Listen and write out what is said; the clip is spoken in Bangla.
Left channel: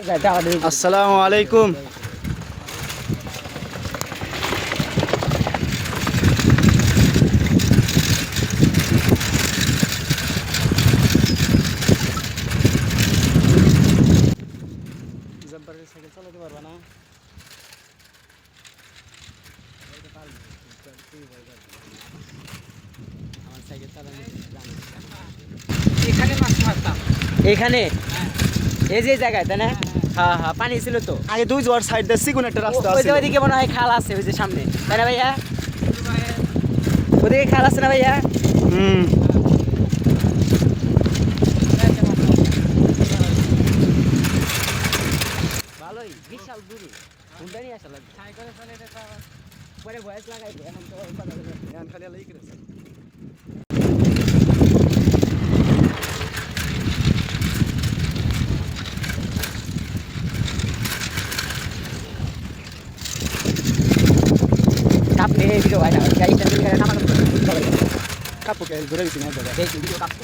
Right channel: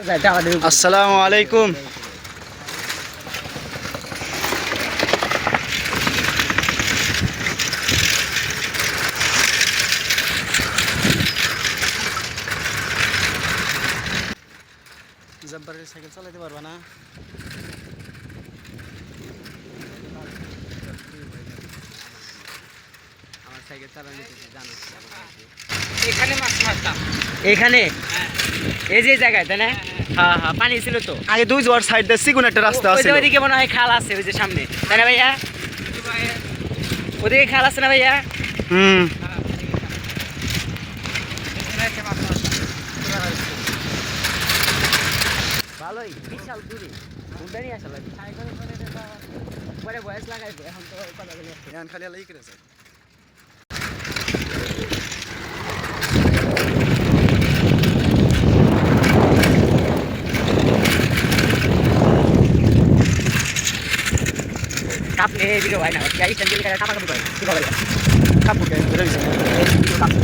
আসসালামু আলাইকুম। জব্বারের সাইকেল চালাতে পারবা না? আমার সাইকেল চালানো জানো এখানে মাছ মারতাম। এখানে এই যে জায়গায় তাই না? হ্যাঁ হ্যাঁ, পানি ছিল তো আগে দুই জোয়ার সাইডে চিকুন একটা রাস্তা আছে। ওইদিকে মনে হয় খাল আছে, ওই যে সামনে, তাই না ভাইয়া? ওদিকে খাল আছে না ভাইয়া? হুম, ভালোই, বিশাল দূরে ঘুমটা নিয়ে আসা লাগে। পরে বয়স লাগাইবো, এখন তো কথা বলে এখন খালি আলাই করে যায়। কাপলে ভিডিও হয় না, গাড়ি টাইম নামা কাপুকে ধরে গেছে না। এই ভিডিও কাপলে